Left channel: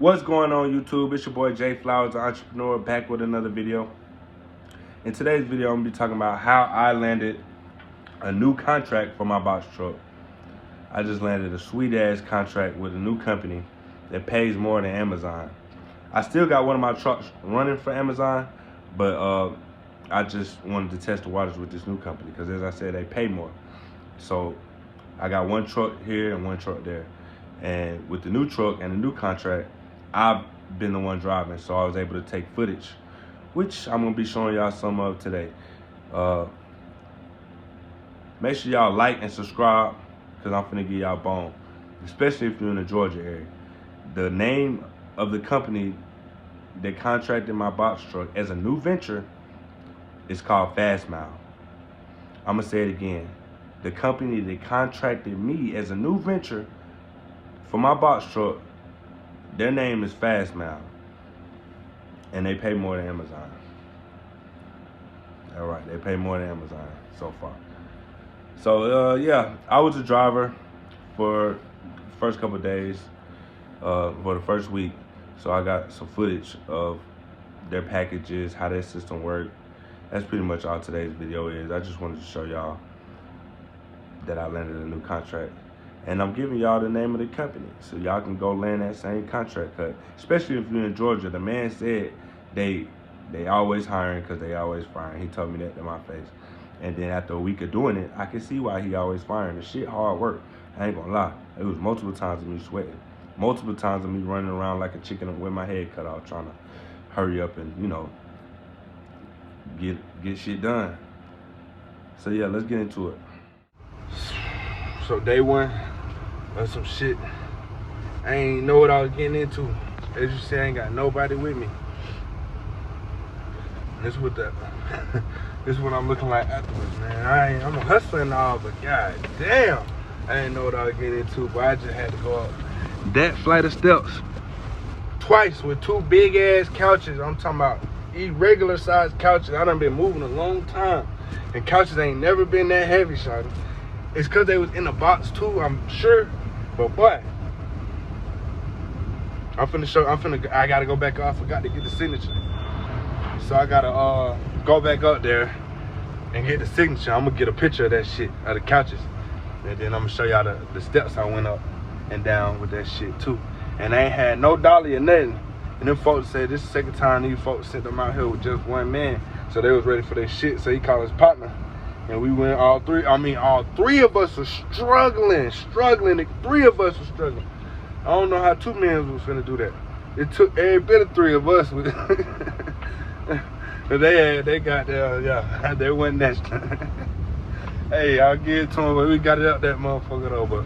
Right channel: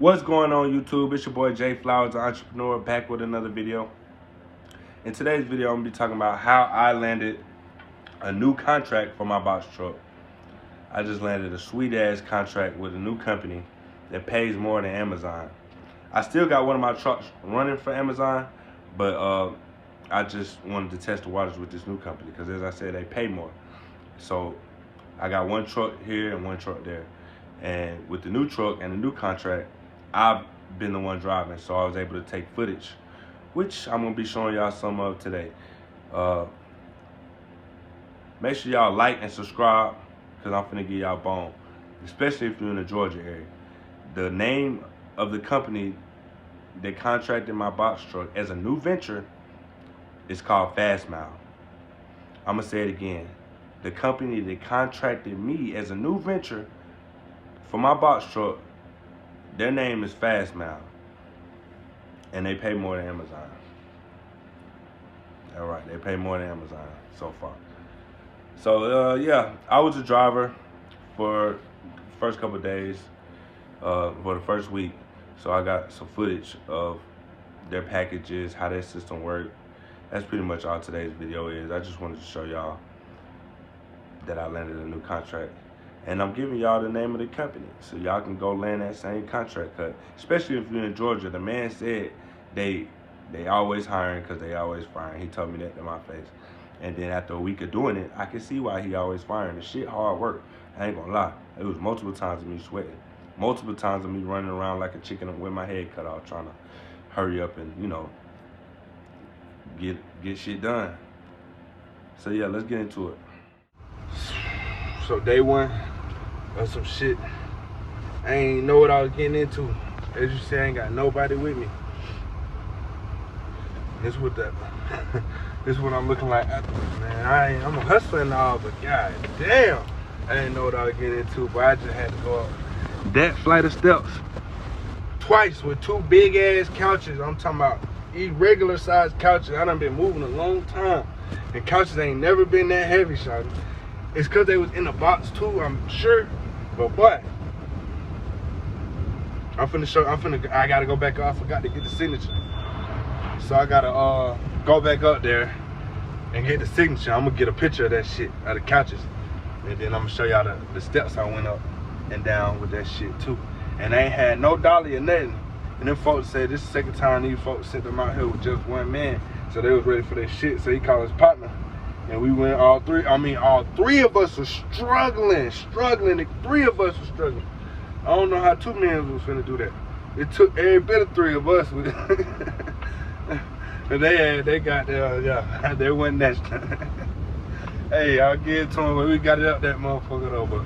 What's going on, YouTube? It's your boy Jay Flowers, the entrepreneur, back with another video. In today's video, I'm gonna be talking about how I landed a new contract for my box truck. I just landed a sweet ass contract with a new company that pays more than Amazon. I still got one of my trucks running for Amazon, but I just wanted to test the waters with this new company because, as I said, they pay more. So I got one truck here and one truck there. And with the new truck and the new contract, I've been the one driving, so I was able to take footage, which I'm gonna be showing y'all some of today. Make sure y'all like and subscribe, because I'm finna give y'all bone, especially if you're in the Georgia area. The name of the company that contracted my box truck as a new venture is called Fast Mile. I'm gonna say it again. The company that contracted me as a new venture for my box truck, their name is Fast Mile, and they pay more than Amazon. All right, they pay more than Amazon so far. So yeah, I was a driver for the first couple of days, for the first week. So I got some footage of their packages, how their system worked. That's pretty much all today's video is. I just wanted to show y'all that I landed a new contract. And I'm giving y'all the name of the company so y'all can go land that same contract cut. Especially if you're in Georgia. The man said they always hiring because they always firing. He told me that to my face. And then after a week of doing it, I can see why he always firing. The shit hard work. I ain't gonna lie. It was multiple times of me sweating. Multiple times of me running around like a chicken with my head cut off, trying to hurry up and, you know, get shit done. So yeah, let's get into it. So day one, that's some shit I ain't know what I was getting into. As you see, I ain't got nobody with me. This what this is what I'm looking like afterwards, man. I'm a hustler and all, but god damn, I didn't know what I was getting into. But I just had to go up that flight of steps twice with two big ass couches. I'm talking about irregular sized couches. I done been moving a long time, and couches ain't never been that heavy, shawty. It's cause they was in the box too, I'm sure. But what? I gotta go back up. I forgot to get the signature. So I gotta go back up there and get the signature. I'm gonna get a picture of that shit, of the couches. And then I'm gonna show y'all the steps I went up and down with that shit too. And I ain't had no dolly or nothing. And them folks said this is the second time these folks sent them out here with just one man. So they was ready for their shit. So he called his partner. And we went all three of us were struggling. The three of us were struggling. I don't know how two men was finna do that. It took every bit of three of us. They got there, yeah, they went next. Hey, I'll give it to them, but we got it up that motherfucker though. But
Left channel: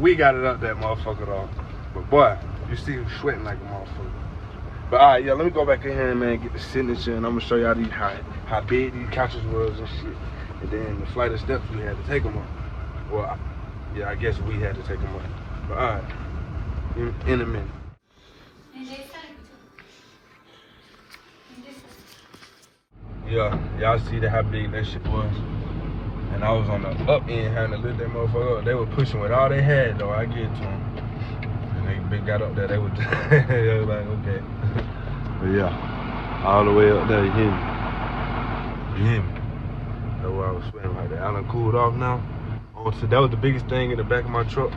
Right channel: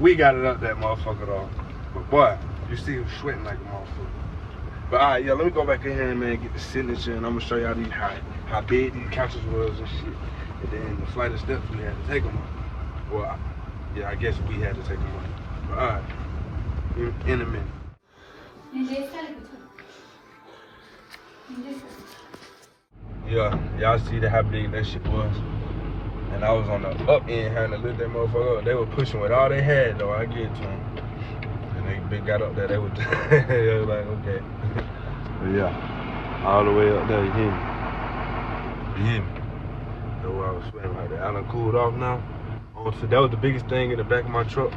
we got it up that motherfucker though. But boy, you see him sweating like a motherfucker. But all right, yeah, let me go back in here, man, get the signature, and I'm gonna show y'all how big these couches was and shit. And then the flight of steps we had to take them up. Well, yeah, I guess we had to take them up. But all right, in a minute. Yeah, y'all see how big that shit was. And I was on the up end having to lift that motherfucker up. They were pushing with all they had though, I get it to them. They got up there, they was like, okay. But yeah, all the way up there, you hear me? You hear me? That's why I was sweating like that. I done cooled off now. So that was the biggest thing in the back of my truck.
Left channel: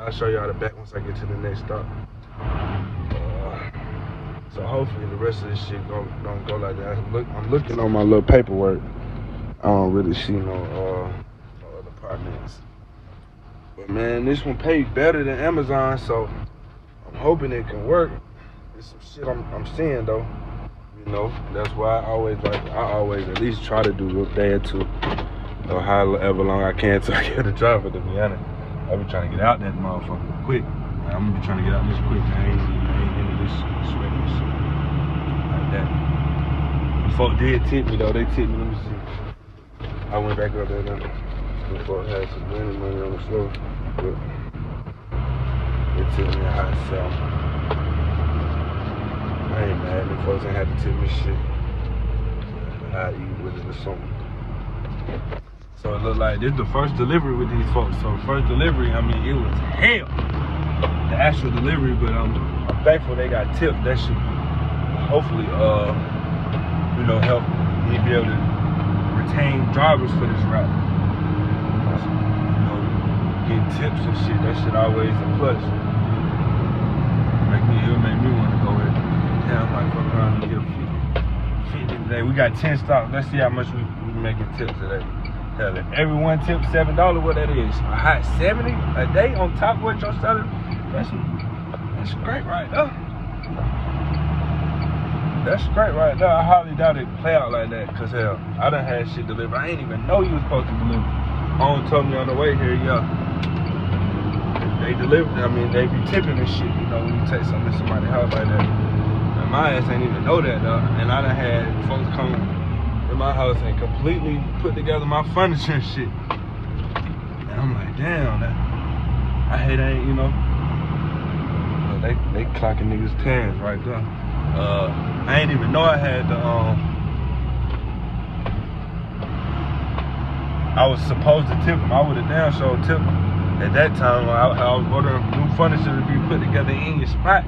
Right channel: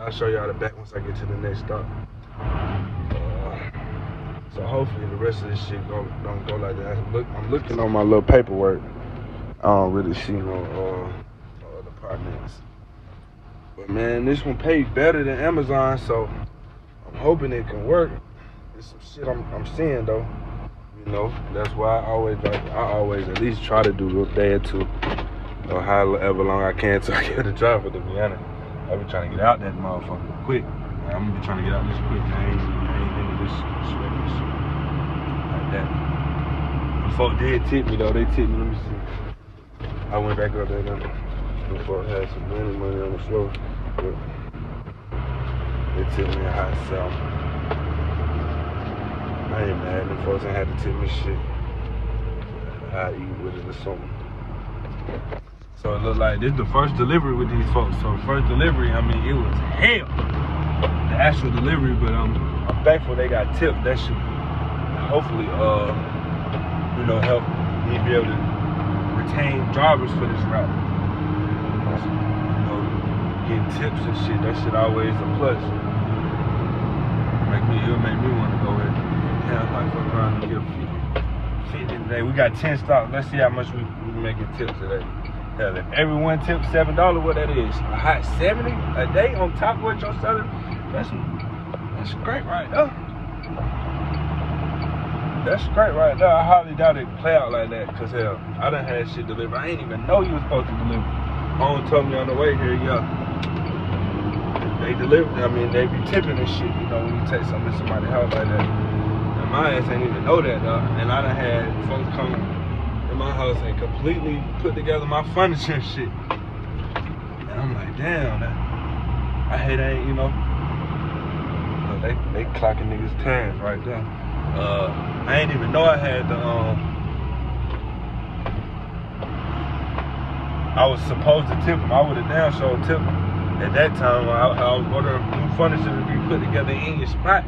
I'll show y'all the back once I get to the next stop. So hopefully the rest of this shit don't go like that. I'm looking on my little paperwork. I don't really see no other apartments. But man, this one pays better than Amazon, so I'm hoping it can work. There's some shit I'm seeing though. You know, that's why I always at least try to do a day or two, or however long I can till I get a driver, to be honest. I be trying to get out that motherfucker quick. I'm gonna be trying to get out this quick. I ain't into this shit like that. Folks did tip me though. They tipped me. Let me see. I went back up there now. Them folks had some money on the floor. But they tipped me a hot sell. I ain't mad. Them folks ain't had to tip me shit. I'd eat with it or something. So it looked like this is the first delivery with these folks. So first delivery, I mean, it was hell, the actual delivery, but I'm thankful they got tipped. That should hopefully, you know, help me be able to retain drivers for this route. You know, getting tips and shit, that shit always a plus. It'll make me want to go ahead. Yeah, I might fuck around and get a 50 today. We got 10 stocks. Let's see how much we making tips today. Hell, if everyone tips $7, what that is? A hot 70 a day on top of what you're selling? That's great right there. That's great right there. I hardly doubt it play out like that, cause hell, I done had shit delivered. I ain't even know you was supposed to deliver. Home told me on the way here, yeah. They deliver, I mean, they be tipping and shit, you know, when you take something to somebody's house like that. And my ass ain't even know that, though. And I done had folks come to my house and completely put together my furniture and shit. And I'm like, damn, that, I hate ain't, you know. They clocking niggas' tags right there. I ain't even know I had the, I was supposed to tip them. I would have damn sure tipped them. At that time, I was ordering new furniture to be put together in your spot.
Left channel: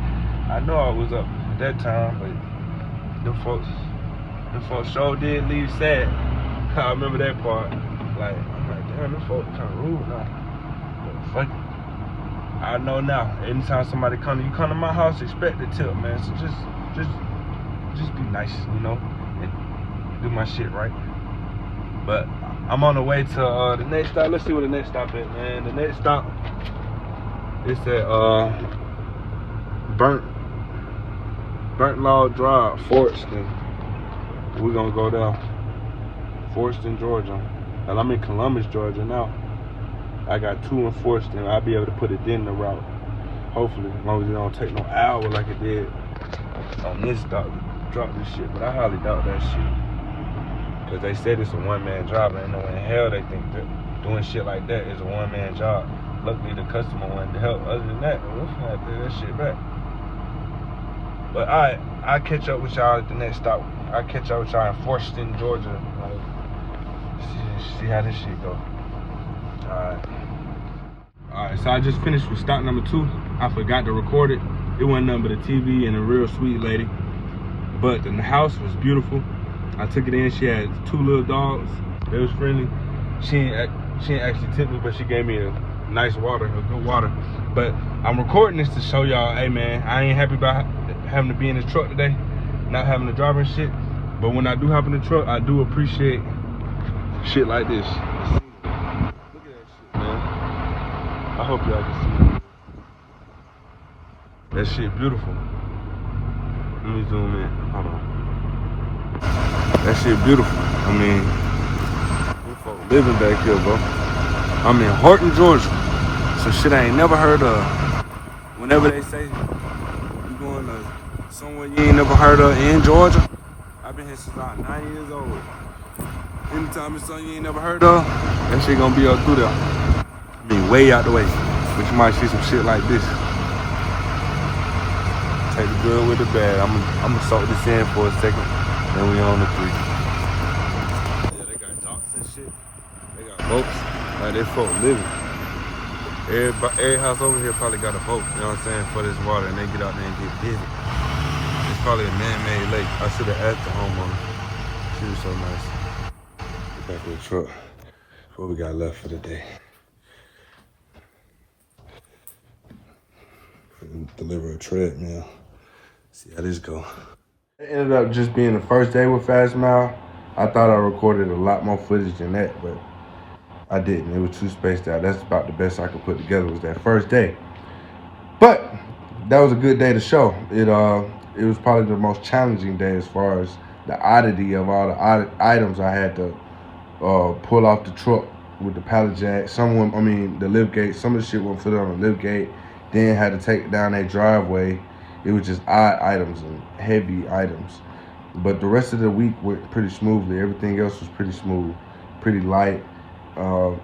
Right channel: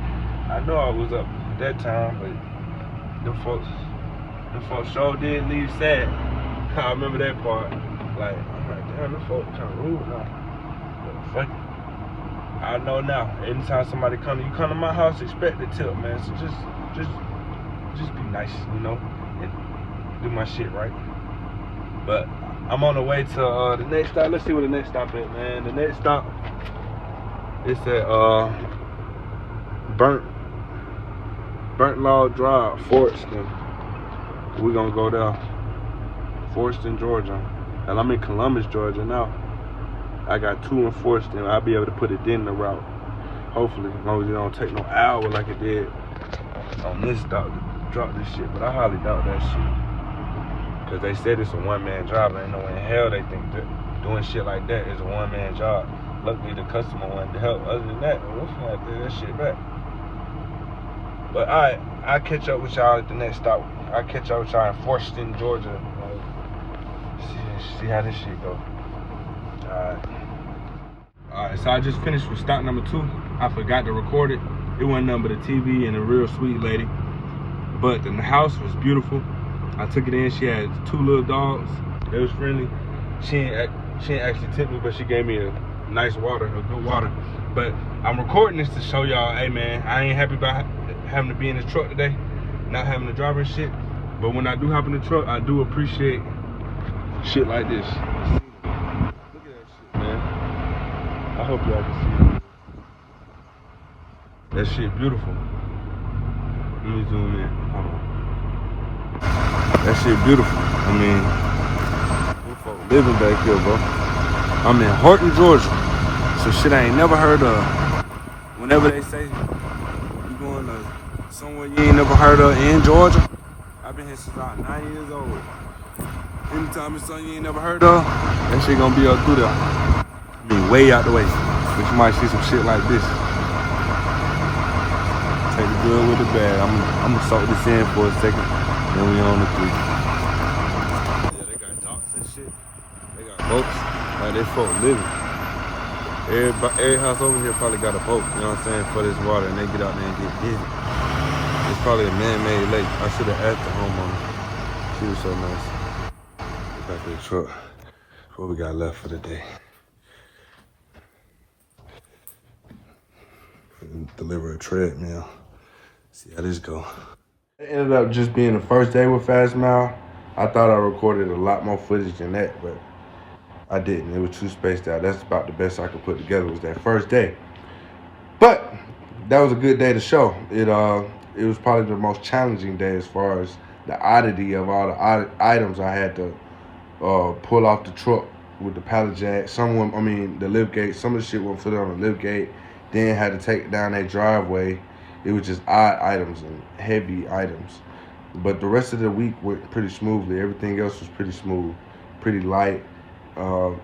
I know I was up at that time, but the folks sure did leave sad. I remember that part. Like, I'm like, damn, them folks kind of rude now. But fuck it. I know now. Anytime somebody come to my house, expect the tip, man. So just be nice, you know, and do my shit right. But I'm on the way to the next stop. Let's see where the next stop is, man. The next stop is at Burnt Log Drive, Forreston. We're gonna go there. Forreston, Georgia. And I'm in Columbus, Georgia now. I got 2 in Forreston. I'll be able to put it in the route. Hopefully, as long as it don't take no hour like it did on this stop to drop this shit. But I highly doubt that shit. Cause they said it's a one-man job. There ain't no way in hell they think that doing shit like that is a one-man job. Luckily the customer wanted to help. Other than that, we'll have to do that shit back. But I'll catch up with y'all at the next stop. I'll catch up with y'all in Forreston, Georgia. See how this shit go. Alright, so I just finished with stop number 2. I forgot to record it. It wasn't nothing but a TV and a real sweet lady. But the house was beautiful. I took it in. She had 2 little dogs. They was friendly. She ain't actually tipped me, but she gave me a nice water, a good water. But I'm recording this to show y'all, hey man, I ain't happy about having to be in the truck today, not having to drive and shit. But when I do hop in the truck, I do appreciate shit like this. Look at that shit, man. I hope y'all can see it. That shit beautiful. Let me zoom in. Hold on. That shit beautiful. I mean, them folk living back here, bro. I'm in Horton, Georgia. So shit I ain't never heard of. Whenever they say you going to somewhere you ain't never heard of in Georgia, I've been here since I'm 9 years old. Anytime it's something you ain't never heard of, that shit gonna be up through there. I mean, way out the way. But you might see some shit like this. Take the good with the bad. I'm gonna suck this in for a second. Then we on the 3. Yeah, they got docks and shit. They got boats. Like, they folk living. Every house over here probably got a boat, you know what I'm saying, for this water, and they get out there and get busy. It's probably a man-made lake. I should have asked the homeowner. She was so nice. Get back to the truck. What we got left for the day. Deliver a treadmill. See how this go. It ended up just being the first day with Fastmile. I thought I recorded a lot more footage than that, but I didn't. It was too spaced out. That's about the best I could put together was that first day. But that was a good day to show. It was probably the most challenging day as far as the oddity of all the items I had to pull off the truck with the pallet jack. The lift gate. Some of the shit wouldn't fit on the lift gate. Then had to take it down that driveway. It was just odd items and heavy items. But the rest of the week went pretty smoothly. Everything else was pretty smooth, pretty light. A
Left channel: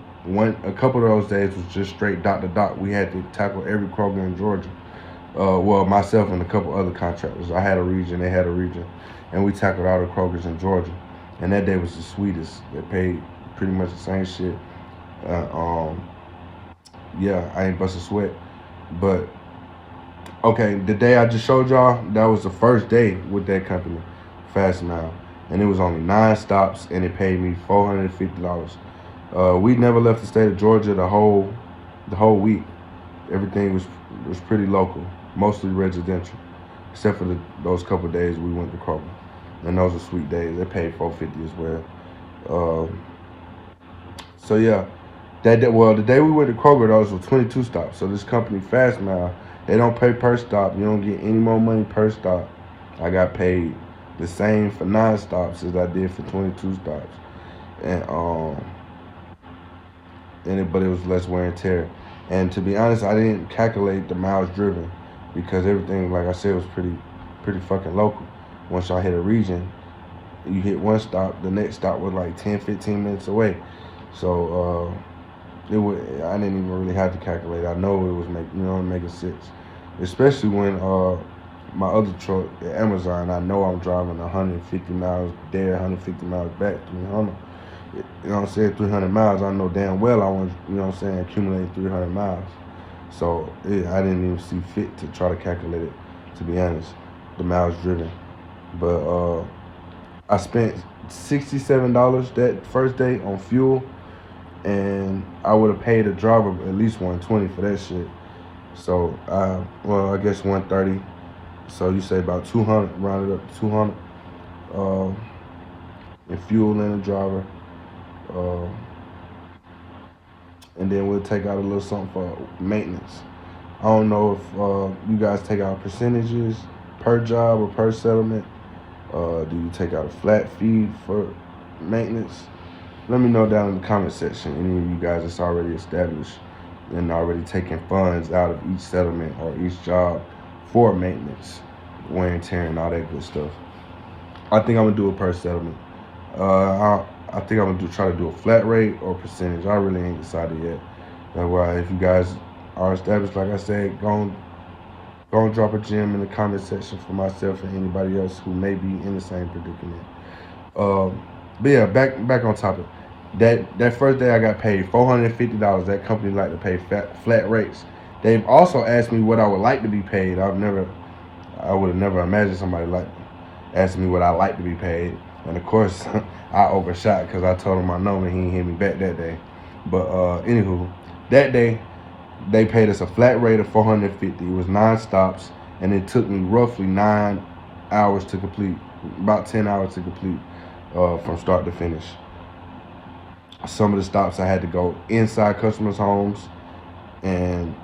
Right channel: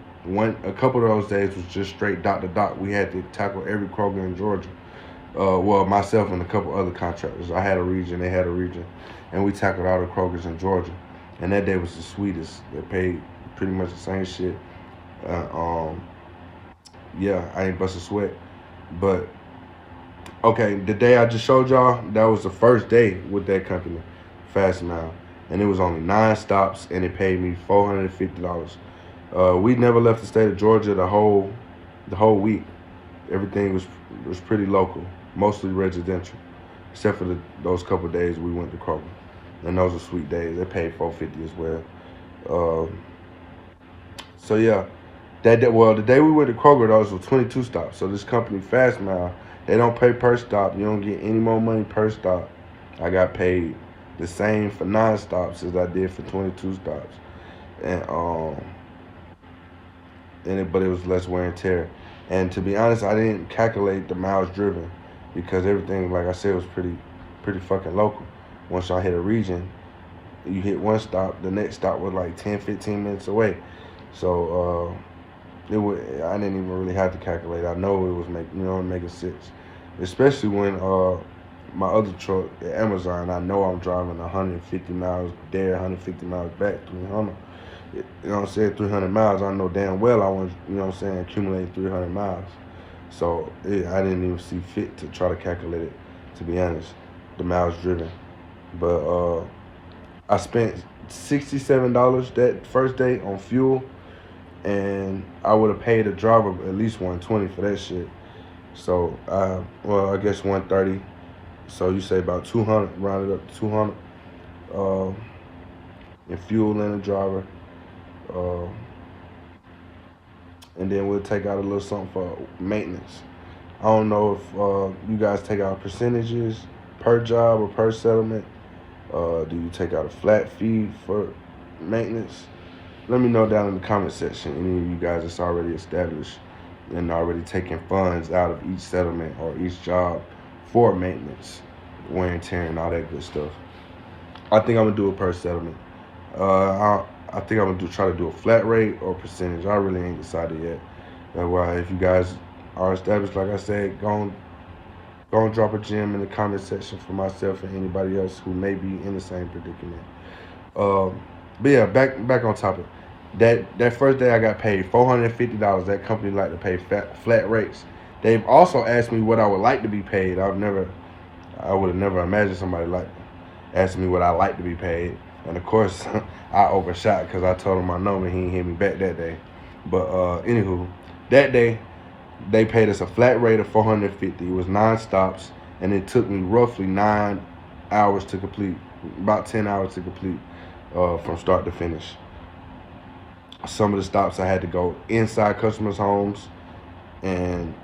couple of those days was just straight dot to dot. We had to tackle every Kroger in Georgia. Well, myself and a couple other contractors. I had a region, they had a region. And we tackled all the Krogers in Georgia. And that day was the sweetest. They paid pretty much the same shit. Yeah, I ain't bust a sweat. But okay, the day I just showed y'all, that was the first day with that company, Fast Mile, and it was only 9 stops, and it paid me $450. We never left the state of Georgia the whole week. Everything was pretty local, mostly residential, except for those couple of days we went to Kroger, and those were sweet days. They paid $450 as well. So yeah, the day we went to Kroger, those were 22 stops. So this company, Fast Mile, they don't pay per stop. You don't get any more money per stop. I got paid the same for 9 stops as I did for 22 stops, but it was less wear and tear. And to be honest, I didn't calculate the miles driven because everything, like I said, was pretty fucking local. Once y'all hit a region, you hit one stop, the next stop was like 10, 15 minutes away. So I didn't even really have to calculate. I know it was making sense, especially when my other truck at Amazon, I know I'm driving 150 miles there, 150 miles back, 300. You know what I'm saying? 300 miles. I know damn well I want, accumulate 300 miles. So I didn't even see fit to try to calculate it, to be honest, the miles driven. But I spent $67 that first day on fuel, and I would have paid a driver at least $120 for that shit. So I guess $130. So you say about $200, rounded up to $200 in fuel and a driver. And then we'll take out a little something for maintenance. I don't know if you guys take out percentages per job or per settlement. Do you take out a flat fee for maintenance? Let me know down in the comment section. Any of you guys that's already established and already taking funds out of each settlement or each job for maintenance, wear and tear, and all that good stuff. I think I'm gonna do it per settlement. I think I'm gonna try to do a flat rate or percentage. I really ain't decided yet. That's why if you guys are established, like I said, go and drop a gem in the comment section for myself and anybody else who may be in the same predicament. But yeah, back on topic. That first day I got paid $450. That company like to pay flat rates. They've also asked me what I would like to be paid. I would have never imagined somebody like asking me what I like to be paid. And of course, I overshot because I told him I know, and he didn't hit me back that day. But anywho, that day they paid us a flat rate of $450. It was 9 stops, and it took me roughly 9 hours to complete, about 10 hours to complete from start to finish. Some of the stops I had to go inside customers' homes and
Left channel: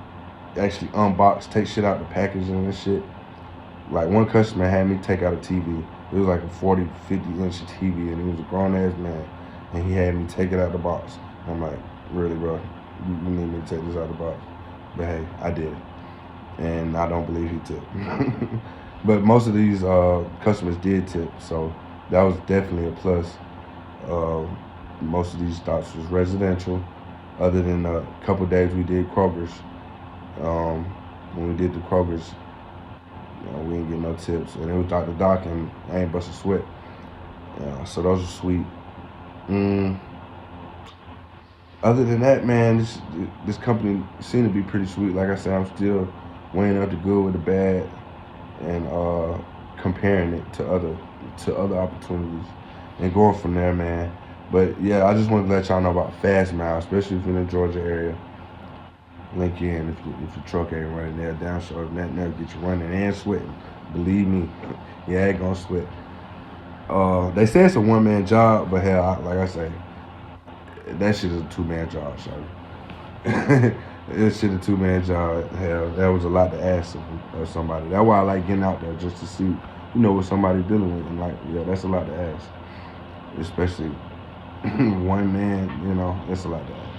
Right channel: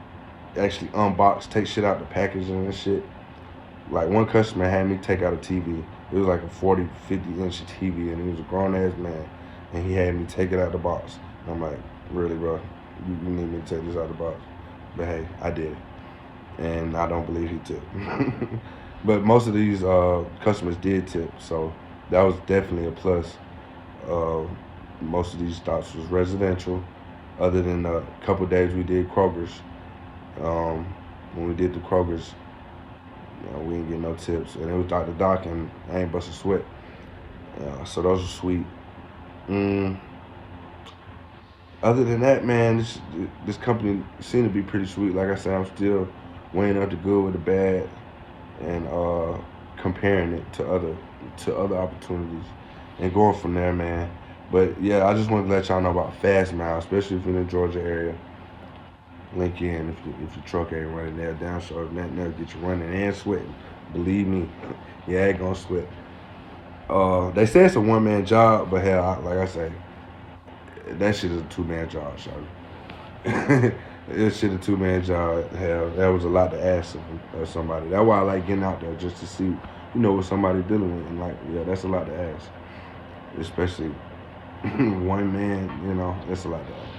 actually unbox, take shit out the packaging and shit. Like one customer had me take out a TV. It was like a 40, 50-inch TV, and he was a grown-ass man, and he had me take it out the box. I'm like, really, bro? You need me to take this out the box? But hey, I did it, and I don't believe he tipped. But most of these customers did tip, so that was definitely a plus. Most of these stops was residential, other than a couple days we did Kroger's. When we did the Kroger's, we didn't get no tips, and it was Dr. Doc, and I ain't bust a sweat. So those are sweet. Other than that, man, this company seemed to be pretty sweet. Like I said, I'm still weighing up the good with the bad, and comparing it to other opportunities, and going from there, man. But yeah, I just wanted to let y'all know about Fast Mile, especially if you're in the Georgia area. Link in if your truck ain't running there, down short, that'll get you running and sweating. Believe me, yeah, I ain't gonna sweat. They say it's a one-man job, but hell, like I say, that shit is a 2-man job, shawty. This shit a 2-man job. Hell, that was a lot to ask of somebody. That's why I like getting out there, just to see, what somebody dealing with. And like, yeah, that's a lot to ask, especially one man. That's a lot to ask.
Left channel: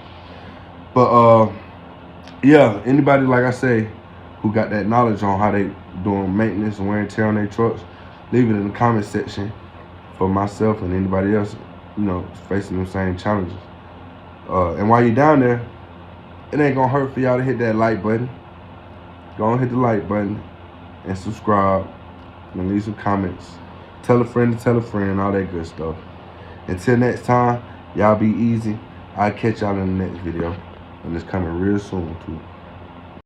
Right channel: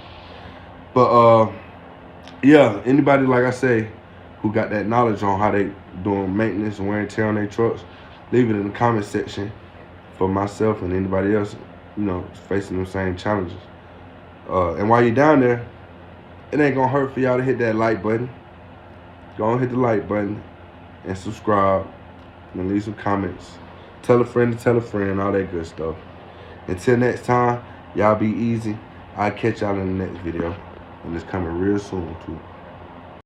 But yeah, anybody, like I say, who got that knowledge on how they doing maintenance and wear and tear on their trucks, leave it in the comment section for myself and anybody else, facing the same challenges. And while you're down there, it ain't gonna hurt for y'all to hit that like button. Go on, hit the like button and subscribe and leave some comments. Tell a friend to tell a friend, all that good stuff. Until next time, Y'all be easy. I'll catch y'all in the next video. And it's coming real soon, too.